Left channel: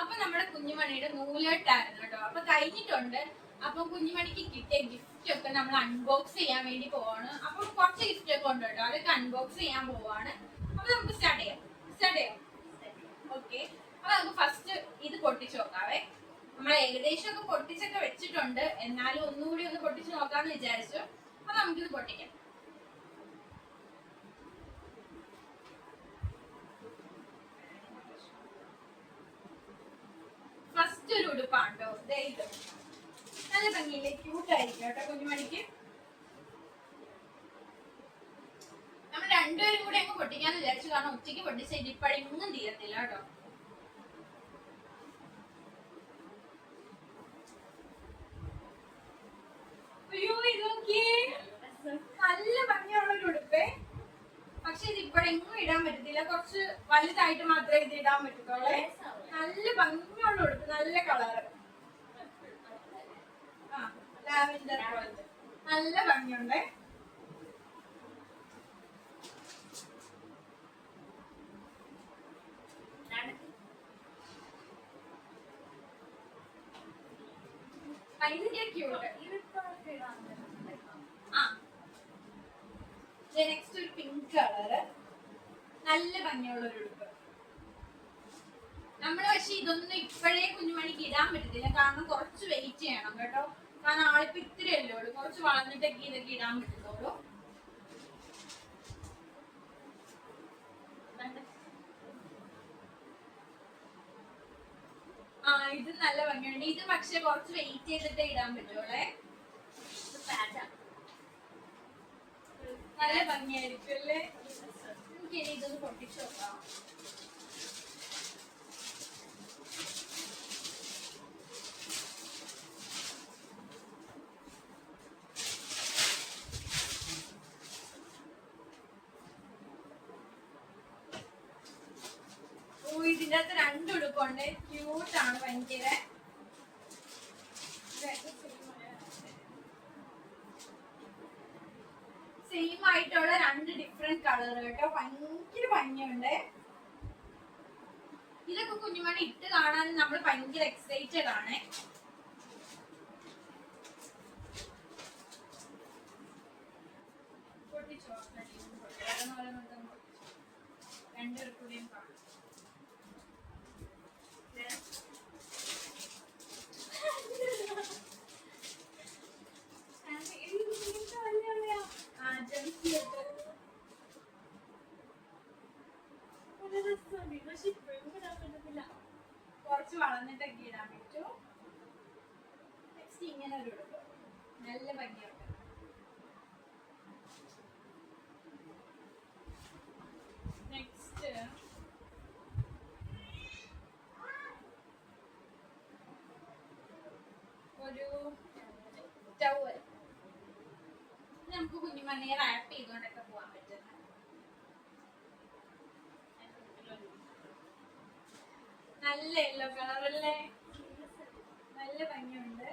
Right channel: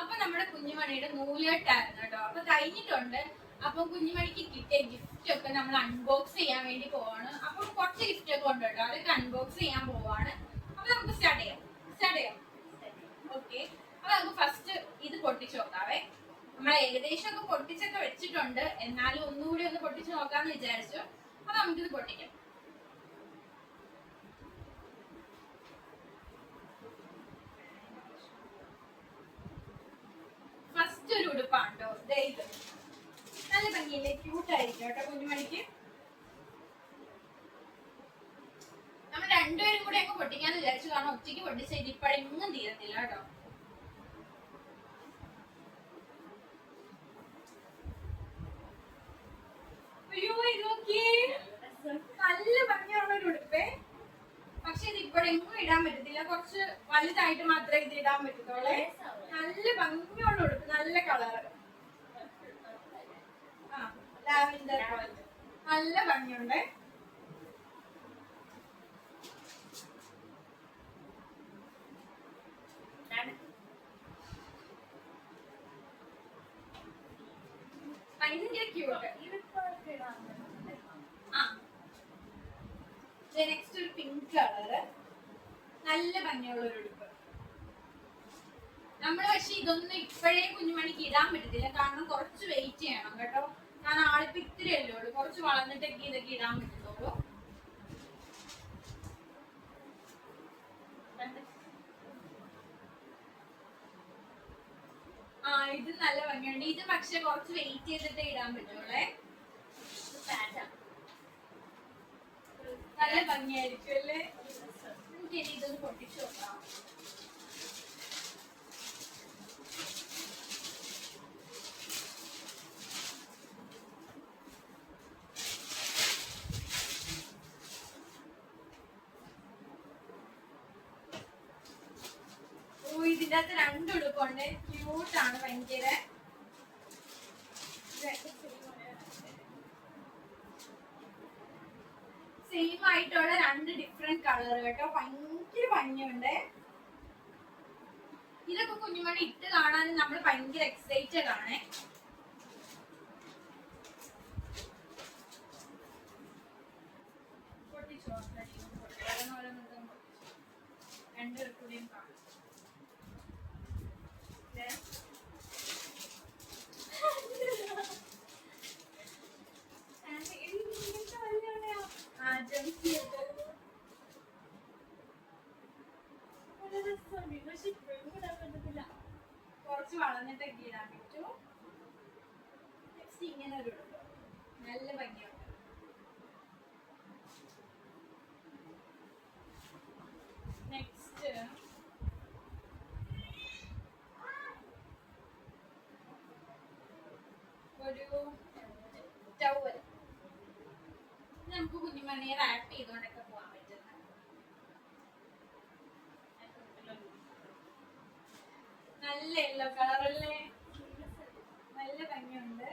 അപ്പൊ നമ്മുടെ കുഞ്ഞുമണിയുടെ നൂലേട്ടായിരുന്നു കേട്ടോ. അപ്പൊ കഴിഞ്ഞിട്ടുണ്ട്. അപ്പൊ കുഞ്ഞുമണിക്ക് കിട്ടിയ ഗിഫ്റ്റ് ഒക്കെ നമ്മൾ അൺബോക്സ് ചെയ്യാൻ വേണ്ടി പോവാണ്. അപ്പൊ കുറച്ച് ഗിഫ്റ്റ് ഒക്കെ ഉണ്ട് കേട്ടോ, അതൊക്കെ അൺബോക്സ് ചെയ്യാൻ പോവാണ്. അപ്പൊ നമുക്ക് സ്റ്റാർട്ട് ചെയ്യാം. ഓക്കെ, അപ്പൊ നമുക്ക് ഫസ്റ്റ് ഇത് പൊട്ടിച്ചു നോക്കാവേ. നമ്മൾ ഏകദേശം ഒക്കെ പൊട്ടിച്ചൊക്കെ വെച്ചിട്ടുണ്ട്, എന്നാലും ഒന്നുകൂടി ഒന്ന് പൊട്ടിച്ചു നോക്കാന്ന് വിചാരിച്ചു. അപ്പൊ നമുക്കിത് പൊട്ടിക്കാം. ഫസ്റ്റ് ഒരു ഉടുപ്പാണ് കേട്ടോ, ഇത് നല്ല ഭംഗിയില്ലേ, ക്യൂട്ടായിരിക്കും കേട്ടോ കുഞ്ഞുമണിക്ക്. നമ്മൾ രണ്ടുപേരും കൂടെ അങ്ങ് പൊട്ടിക്കാന്ന് വിചാരിച്ചു, കാരണം ഒറ്റയ്ക്ക് പൊട്ടിച്ച ഇതിപ്പഴെങ്ങും തീരത്തില്ല കേട്ടോ. അയ്യോ ഇത് നോക്കിയേ, നല്ല ഭംഗിയുള്ള ഒരു ഉടുപ്പേ. പക്ഷെ ഇത് ഇപ്പോഴെങ്ങും ഇടാൻ പറ്റത്തില്ല, കുറച്ച് വലുതായിട്ട് മാത്രമേ ഇത് ഇടാൻ പറ്റത്തുള്ളേ. നല്ല ഭംഗിയുള്ള ഉടുപ്പ്, നല്ല കളറ്, ലാവൻഡർ പോലത്തെ നല്ല ഭംഗിയുണ്ട്. ഭയങ്കര ക്യൂട്ട്. നെക്സ്റ്റ് ഒരു പിങ്ക് കളറ്, നല്ല ഭംഗിയുള്ള ഒരു ഉടുപ്പ്. നമ്മള് പക്ഷെ ഇതൊന്നും ഇപ്പോഴേ കുഞ്ഞുമണിക്ക് ഇടാൻ പറ്റത്തില്ല, കാരണം കുറച്ച് വെയിറ്റ് ചെയ്യണം കേട്ടോ. കാരണം ആളിപ്പോ ഇത്തിരിയല്ലേ ഉള്ളൂ, കുറച്ച് വളർന്നിട്ടൊക്കെ ഇതൊക്കെ ഇടാൻ പറ്റത്തുള്ളൂ. ഇത് നല്ല ഭംഗിയുണ്ട്. ഇത് പക്ഷെ കുറച്ച് വെയിറ്റ് ചെയ്തിട്ടേ ഇടാൻ പറ്റുള്ളേ. നല്ല ഭംഗിയായിരിക്കും അല്ലേ. നമുക്ക് ഇനി ഇതൊന്ന് പൊട്ടിച്ചു നോക്കാം. ഇതിന്റെ അകത്ത് രണ്ട് ഉടുപ്പുണ്ട്, ക്യൂട്ടാണ് ഭയങ്കര. സെയിം ആയിട്ടുള്ള രണ്ട് ഡിഫറെന്റ് കളർ കേട്ടോ, ഭയങ്കര ഭംഗിയുണ്ട്. ഇതൊക്കെ കുഞ്ഞുമണി ഇട്ട് കാണാൻ നമ്മൾ ഭയങ്കര എക്സൈറ്റഡ് ആണ്. രണ്ടു കൂടിയും കാണാം. കുറച്ച് വളർന്നിട്ടൊക്കെ ഇടാൻ പറ്റും. നെക്സ്റ്റ് ഇങ്ങനെ ഒരു ഉടുപ്പ്, നല്ല ഭംഗിയുണ്ട്. നെക്സ്റ്റ് ഒരു ടവൽ, നമുക്ക് കുഞ്ഞുമണിയെ റാപ്പ് ചെയ്തുകൊണ്ടൊക്കെ പോകാൻ പറ്റുന്ന നല്ല യെല്ലോ കളറല്ലേ, നല്ല ഭംഗിയുണ്ട്.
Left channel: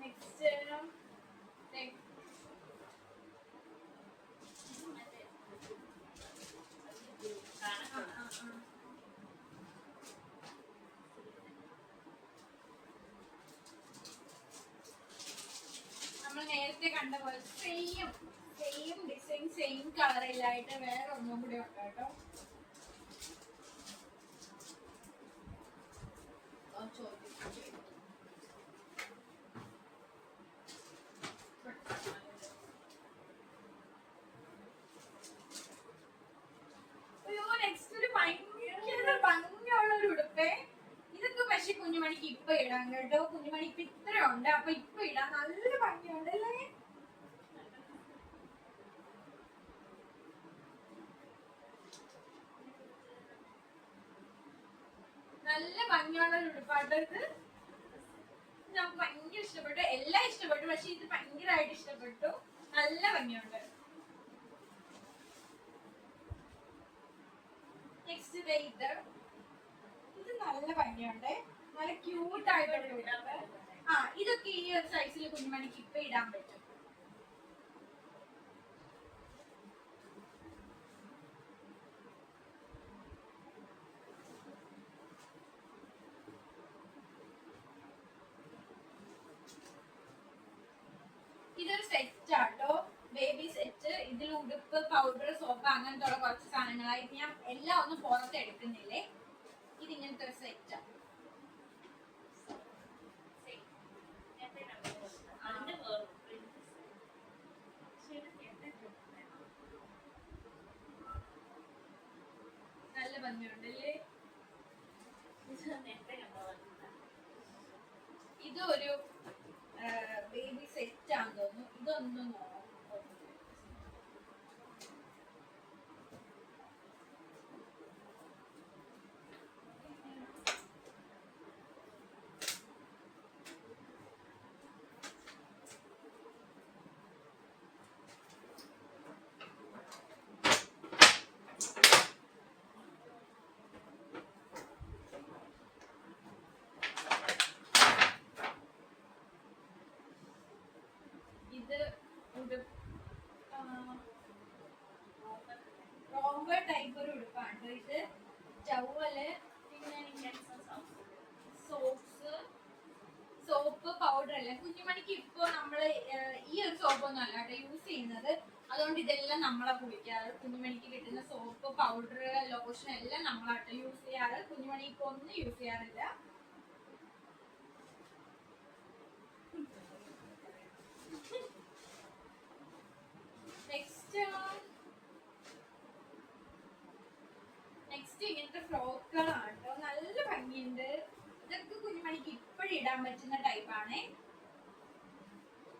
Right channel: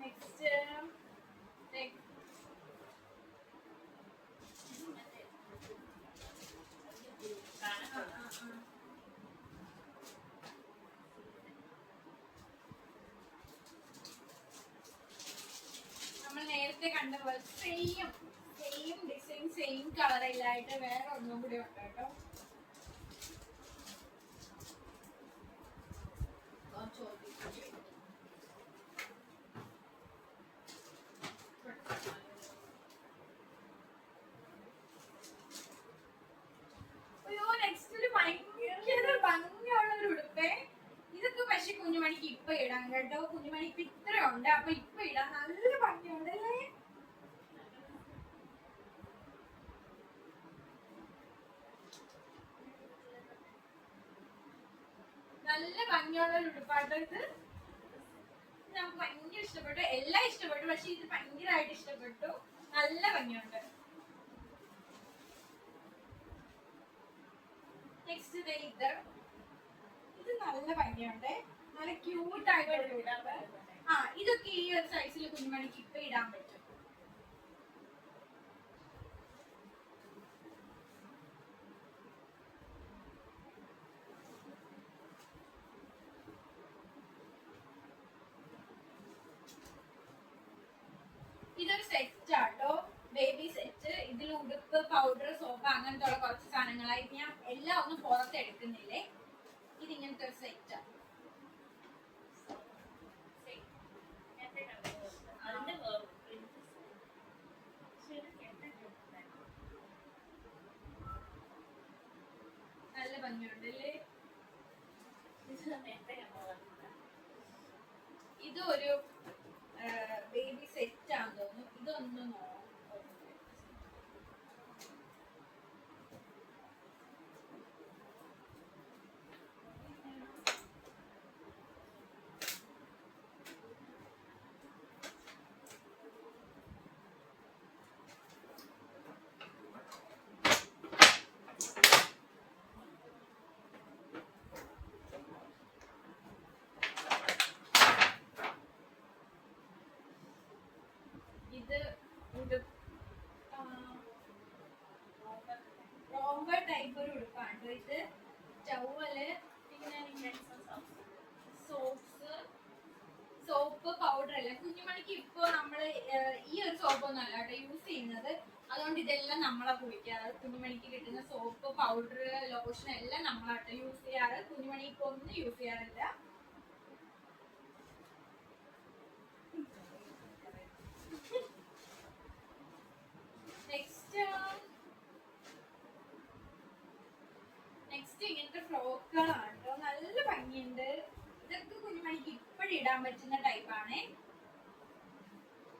നെക്സ്റ്റ് നമ്മൾ നേരത്തെ കണ്ട പോലെ സെയിം ഡിസൈൻ, സെയിം കളറിലായിട്ട് വേറെ ഒന്നും കൂടി ഉണ്ട് കേട്ടോ. അയ്യോ നെക്സ്റ്റ് ഒരു ഭയങ്കര ഭംഗിയുള്ള ഒരു ഉടുപ്പേ. ഇതൊക്കെ പക്ഷെ കുഞ്ഞുമണിക്ക് ഇപ്പൊ ഇടാം കേട്ടോ. കുഞ്ഞുമണി ഇപ്പൊ ഇത്ര ഉണ്ട്, അപ്പൊ ഇപ്പൊ ഇടാം. നല്ല ഭംഗിയുണ്ട് അല്ലേ. നല്ല ഭംഗിയുള്ള ഒരു ഉടുപ്പാട്ടോ ഇത്. നമുക്ക് ഭയങ്കര ഇഷ്ടപ്പെട്ടു, എല്ലാം ഇഷ്ടപ്പെട്ടു, പക്ഷെ ഇത് ഭയങ്കരമായിട്ട് ഇഷ്ടപ്പെട്ടു. നല്ല ഭംഗിയുണ്ട്. നെക്സ്റ്റ് ഇത് നല്ല ഭംഗിയുണ്ട്, നല്ല ക്യൂട്ട് ആയിട്ടുള്ള ഉടുപ്പ്. ഇതൊക്കെ ഈ ഒരു സൈസിൽ കുഞ്ഞുമണിക്ക് ഇപ്പൊ ഇടാൻ പറ്റും. സോപ്പ്, പൗഡർ, സോപ്പ് അങ്ങനത്തെ ഉള്ള കുറച്ച് സാധനങ്ങളായിട്ട് ഞാൻ എല്ലാം ഒന്നും പുറത്ത് എടുക്കുന്നില്ലേ. ഇതിങ്ങനത്തെ ഒരു സെറ്റാണ്. നല്ല ഭംഗിയുണ്ടല്ലേ. ഇതൊരു ബേബി സെറ്റ് ആണെന്ന് തോന്നുന്നു. ഇതൊന്നും ഇത് റോംബർ ടൈപ്പ് ഒരു ഉടുപ്പാണ് ഇത്. ടവല്, പിന്നെ സോപ്പ്, പൗഡർ അല്ല. കുഞ്ഞുമണിക്ക് ഇപ്പൊ നമ്മള് ഈ ഒരു സോപ്പൊന്നും അല്ല കേട്ടോ യൂസ് ചെയ്യുന്നത്. അതുകൊണ്ട് ഇതെല്ലാം നമ്മളെ കുളിക്കാറ്. കുഞ്ഞുമണിക്ക് കിട്ടുന്ന സോപ്പ്, പൗഡർ, ലോഷൻ എല്ലാം നമ്മളാട്ടോ യൂസ് ചെയ്യാറ്. കുഞ്ഞുമണി ഇപ്പൊ ഒന്നും യൂസ് ചെയ്യാറില്ല. നെക്സ്റ്റ് ഇങ്ങനത്തെ ഫ്രോക്കുകളാണ് കേട്ടോ. നല്ല ഭംഗിയുണ്ട്. ഇതൊക്കെ കുഞ്ഞുമണിക്ക് ഇപ്പോഴും ഇടാൻ പറ്റുന്ന ടൈപ്പാണേ.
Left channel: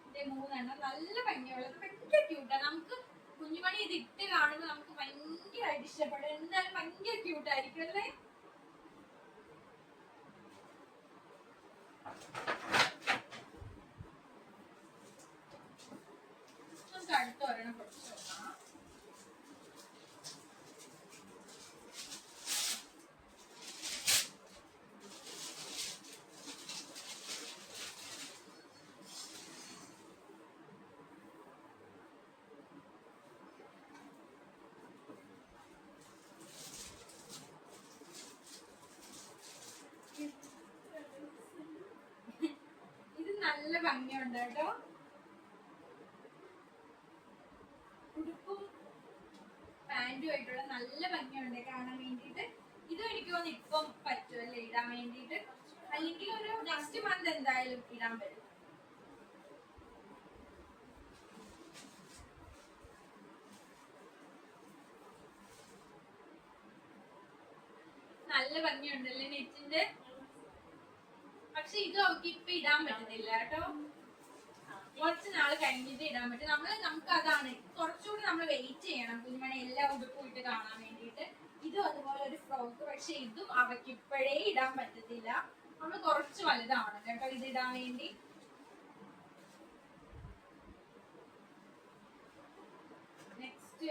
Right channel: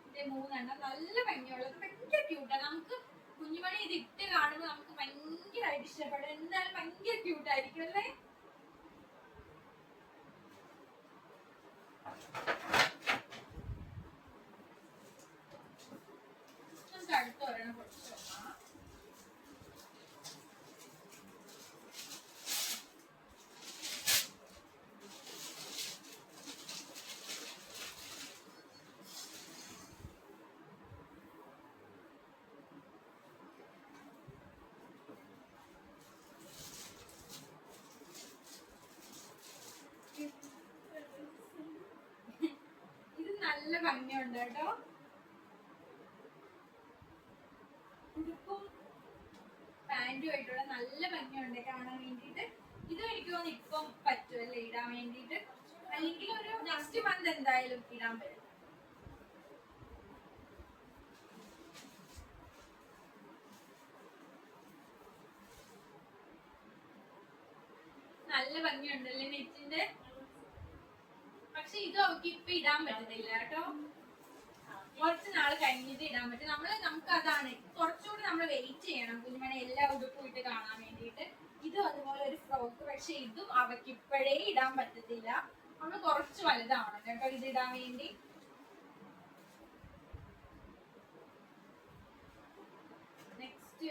ഇത് 3 എണ്ണം നല്ല ഭംഗിയുള്ളത്, ഭയങ്കര ക്യൂട്ടാണ്. നമുക്ക് കുഞ്ഞുമണി ഇത് ഇട്ട് കാണുമ്പോൾ നമുക്ക് ഭയങ്കരമായിട്ട് ഇഷ്ടപ്പെടും. എന്തായാലും ഭയങ്കര ക്യൂട്ടായിരിക്കും അല്ലേ. നമുക്ക് അടുത്ത ഒരെണ്ണം കുറച്ച് നോക്കാം. ഇത് നല്ല ഭംഗിയുണ്ട് കേട്ടോ. ഉടുപ്പും പാന്റും ആയിട്ടുള്ള നല്ല ഭംഗിയുണ്ട് കാണാൻ വേണ്ടിയിട്ട്. ഇതും എനിക്ക് തോന്നുന്നു ഇപ്പം പറ്റുമല്ലേ ഇടാൻ വേണ്ടിയിട്ട്. അല്ലെങ്കിൽ ഒരു നെക്സ്റ്റ് മന്ത് എന്തായാലും ഇടാൻ പറ്റും. നല്ല ഭംഗിയുണ്ടല്ലേ നെറ്റിന്റെ. പക്ഷെ ഇത് അവർക്ക് ഇപ്പൊ ഇടാൻ പറ്റുന്നില്ല കേട്ടോ. കുറച്ച് നാള് കഴിഞ്ഞിട്ട് ഇടാൻ പറ്റും. നമുക്ക് അതാണ് കുറച്ചുകൂടി നമ്മൾ വെയിറ്റ് ചെയ്യണം കുഞ്ഞുമണി എല്ലാ ഉടുപ്പും ഇട്ട് കാണാൻ വേണ്ടിയിട്ട്. ഇതും അതുപോലെ ഒരു ഫ്രോക്ക്. പക്ഷെ ഇതും അവർക്ക് ഇപ്പോഴേ ഇടാൻ പറ്റത്തില്ല. നമ്മൾ കുറച്ച് വലുതാണ് കേട്ടോ ഇത് ഇടാൻ വേണ്ടി. നെക്സ്റ്റ്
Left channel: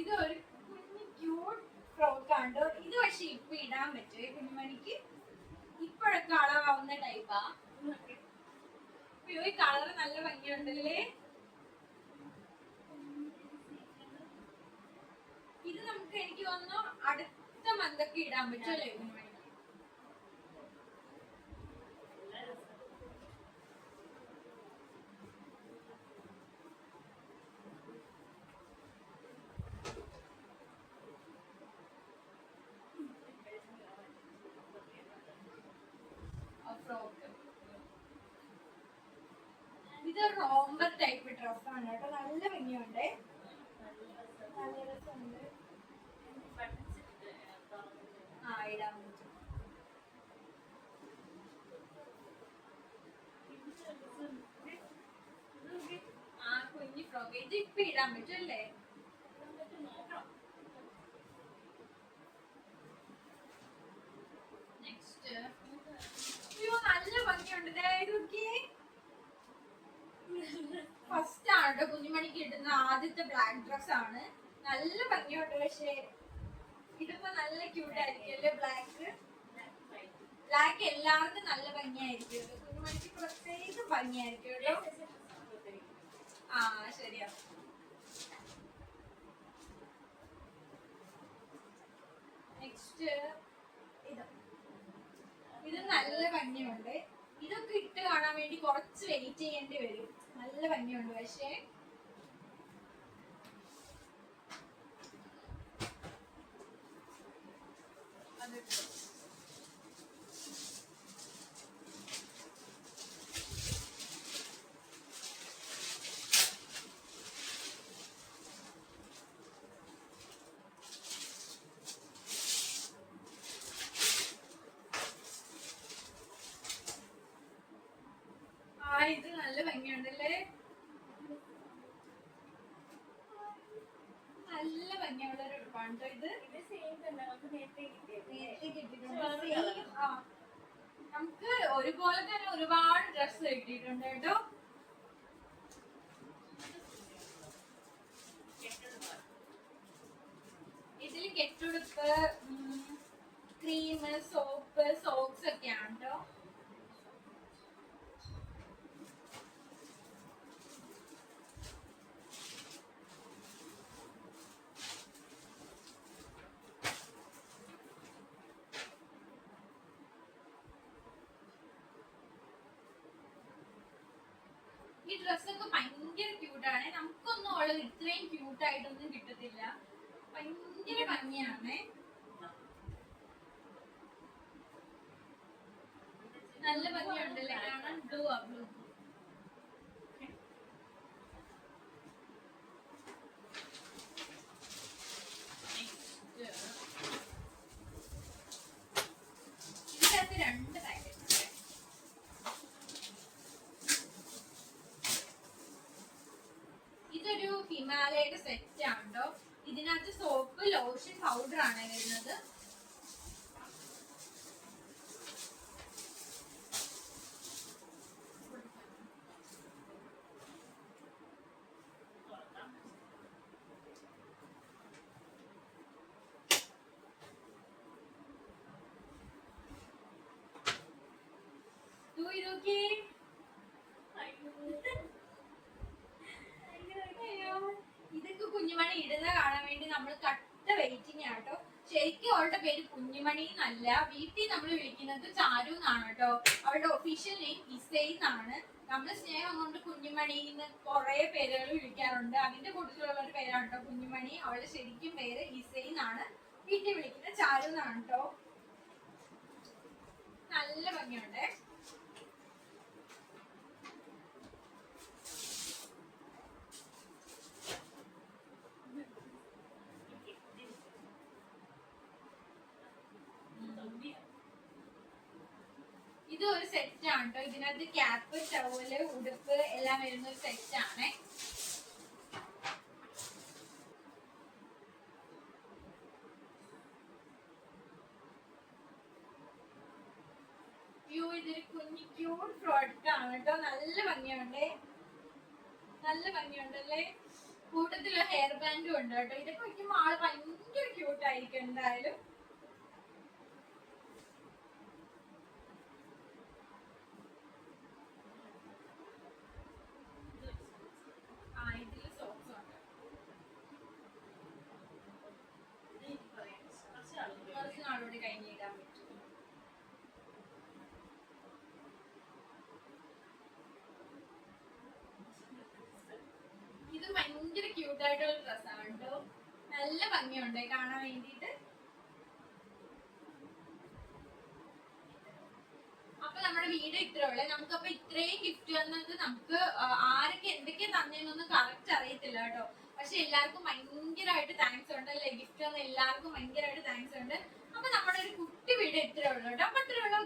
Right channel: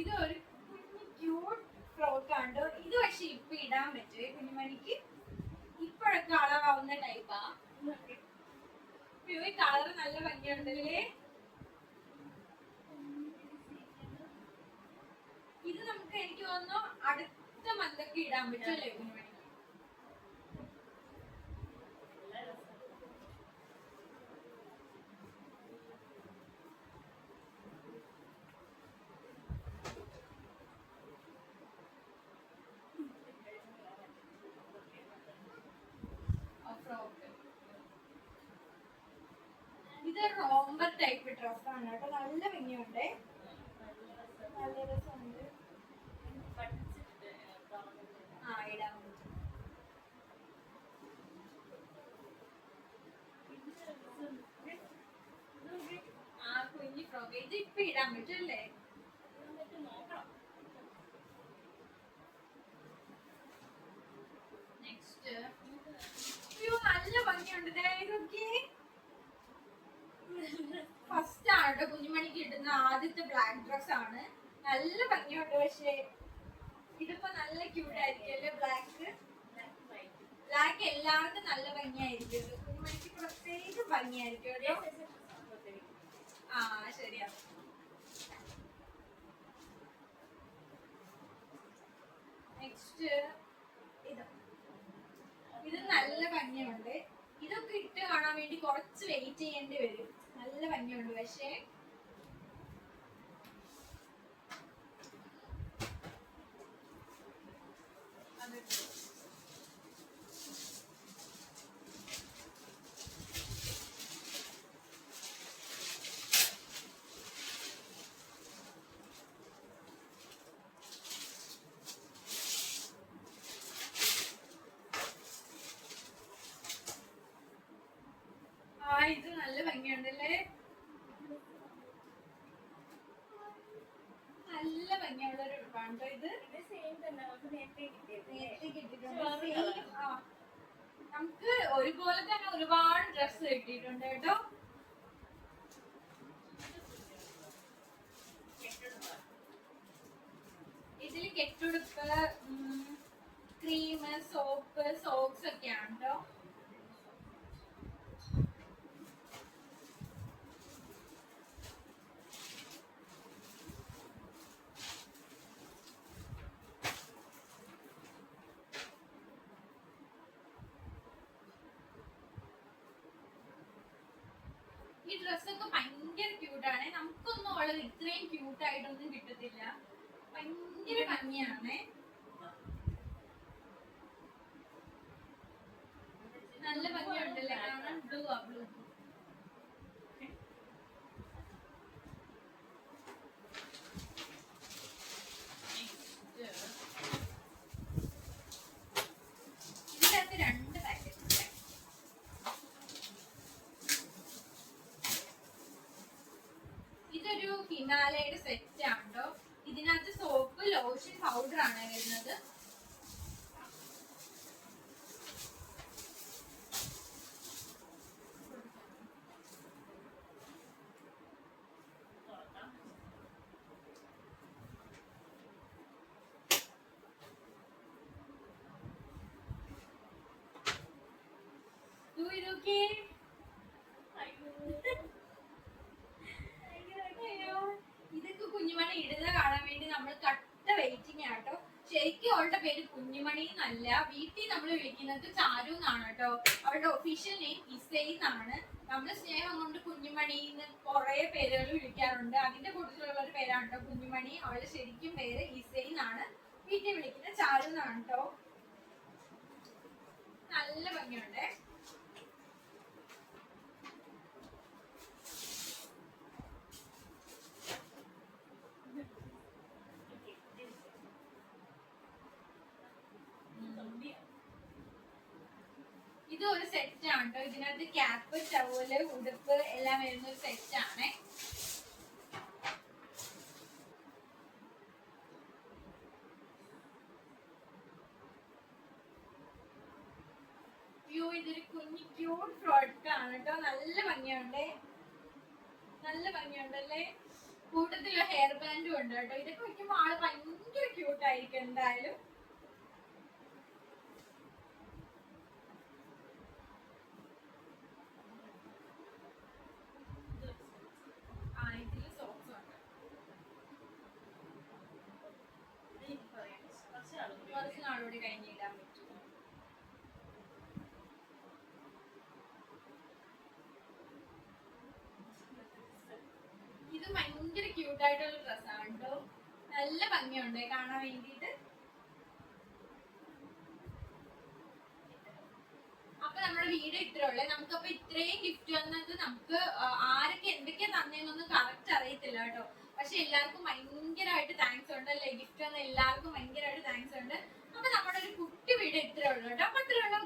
ഇത് ഒരു കുഞ്ഞു ക്യൂട്ട് ഫ്രോക്ക് ആണ്. ഇത് പക്ഷെ ഇപ്പൊ ഇടാൻ പറ്റുമേ കുഞ്ഞുമണിക്ക്. ഇപ്പോഴൊക്കെ അളവാവുന്ന ടൈപ്പാ. ഈ കളർ നല്ല ഭംഗിയുണ്ടല്ലേ. ഇത് നമുക്ക് എനിക്ക് തോന്നുന്നു അടുത്ത മന്തൊക്കെ ഇടാൻ പറ്റുമല്ലേ കുഞ്ഞുമണിക്ക്. ഇത് റോംബർ ടൈപ്പ് ഡ്രസ്സാണ് കേട്ടോ. നല്ല ഭംഗിയുണ്ട്, നല്ല രസമുണ്ട്. ഇടാൻ പറ്റും. കുഞ്ഞി ഫ്രോക്ക് ഇത് ഇപ്പൊ ഇടാൻ പറ്റും അല്ലേ. നെക്സ്റ്റ് നല്ല ഭംഗിയുണ്ട്. ഫസ്റ്റ് ആണ് കേട്ടോ കുഞ്ഞുമണിക്ക് കിട്ടുന്ന ആദ്യത്തെ ബ്ലാക്ക് ഡ്രസ് ആണ്. നല്ല ഭംഗിയുണ്ട്. പക്ഷേ ഇതിപ്പോ നല്ല ക്യൂട്ട് ആയിരിക്കും അല്ലേ. ബ്ലാക്ക് എല്ലാവർക്കും നല്ല ഭംഗിയായിരിക്കും. കുഞ്ഞുമണിക്ക് പ്രത്യേകിച്ച് ഭംഗിയായിരിക്കും കേട്ടോ. ശരിയാ. നെക്സ്റ്റ് ഇത് നല്ല ഭംഗിയുണ്ട്. ഇതൊക്കെ ഇട്ട് കാണാൻ വേണ്ടി വേണ്ടി കുറച്ച് വെയിറ്റ് ചെയ്യേണ്ടി വരും. നല്ല ഭംഗിയുണ്ട് പക്ഷേ. ഇത് നല്ല ഭംഗിയുണ്ടല്ലേ, നല്ല ഭംഗിയുള്ള ഒരു ഉടുപ്പാണ് ഇത്. നമുക്ക് ഒരുപോലെ തന്നെ ഒരുപാട് ഡ്രസ് കിട്ടിയിട്ടുണ്ട് കേട്ടോ. ഇതിൽ കെട്ടുടുപ്പ്, ക്രീം, സോപ്പ്, സോക്സ് ഒക്കെയാണ് കേട്ടോ. ഈ ഡ്രസ്സൊക്കെ ഭയങ്കര ക്യൂട്ടാണ്. നമുക്കൊന്നും ഉള്ളത് ഇത്രയും ക്യൂട്ടായിട്ടൊന്നും കിട്ടത്തില്ല. ഭയങ്കര ഭംഗിയാണ്, നല്ല ഭംഗിയുണ്ടല്ലേ കാണാൻ. ബ്ലൂ ആ ബ്ലൂ. ഇതിനകത്ത് 2 പാക്കറ്റ്. ഇതൊരു ഹിമാലയയുടെ സെറ്റ് ആണ് കേട്ടോ. ഇതിനകത്ത് സോപ്പ്, ലോഷൻ, പൗഡർ ആണ് വരുന്നത്. ഇതൊക്കെ കുഞ്ഞുമണി ഇടുന്ന കാണാൻ വേണ്ടി നമ്മൾ കട്ട വെയിറ്റിംഗ് ആട്ടോ. ശരിക്കും അവളുടെ പേര് കുഞ്ഞുമണി എന്നല്ല, വീട്ടിൽ നമ്മൾ വിളിക്കുന്നത് ചാരു എന്നാണ് കേട്ടോ. അവളുടെ ഒഫീഷ്യൽ നെയിം ഇസൈ എന്നാണ്. നമ്മൾ സ്നേഹം കൊണ്ട് കുഞ്ഞുമണി എന്ന് കുറെ പേരുകൾ വിളിക്കാറുണ്ട്. അതിന്റെ കൂട്ടത്തിലുള്ള ഒരു പേരാണ് കേട്ടോ കുഞ്ഞുമണി. അവളുടെ ശരിക്കും പേര് ഇസൈ എന്നാണ്. വീട്ടിൽ വിളിക്കുന്നത് ചാരു എന്നാണ് കേട്ടോ. നല്ല ഭംഗിയുണ്ട്. ഇത് ഒരു സെറ്റ് ആണ് കേട്ടോ. ഇതിനകത്ത് ക്യാപ്പ്, ടവല്, ഉടുപ്പ് എല്ലാം വരുന്ന ഒരു സെറ്റ് ആണ്. ഇതൊരു കുഞ്ഞു ക്യൂട്ട് പ്രോഡക്റ്റ് ആണ് കേട്ടോ. നല്ല ഭംഗിയുണ്ട്, നല്ല ഭംഗിയുണ്ടല്ലേ. കൂട്ടത്തില് ഹെയർ ബാൻഡും ഉണ്ട് കേട്ടോ. ഇതൊക്കെ വയ്ക്കുമ്പോ ആള് ഭയങ്കര ക്യൂട്ട് ആയിരിക്കും എന്തായാലും. ഇതില് സോക്സ് ഉണ്ട്. കുറച്ച് നാളോട് കഴിഞ്ഞിടാൻ പറ്റും. ഇത് ഭയങ്കര ക്യൂട്ട് ആയിട്ടുള്ള ഡ്രസ്സാണ് കേട്ടോ. നല്ല ഭംഗിയുണ്ട് കാണാൻ വേണ്ടിയിട്ട്. അപ്പൊ നമ്മുടെ വീഡിയോ ഇത്രയുള്ളേ. നമുക്കപ്പൊ ഇത്രയും ഗിഫ്റ്റ് വന്നത് നമുക്ക് ആരൊക്കെ എന്തൊക്കെയാ തന്നേന്നൊന്നും കറക്റ്റ് അറിയത്തില്ല കേട്ടോ. പക്ഷെ എല്ലാവർക്കും ഭയങ്കരമായിട്ട് താങ്ക്സ് ഉണ്ട് അല്ലേ. ഗിഫ്റ്റ് വന്ന എല്ലാവർക്കും ഭയങ്കരമായിട്ട് താങ്ക്സ് ഉണ്ട്. അപ്പൊ നമ്മുടെ ഒരു കുട്ടി വീഡിയോ ഇത്രയുള്ളൂ കേട്ടോ. അപ്പൊ ഇത്രയുള്ളൂ.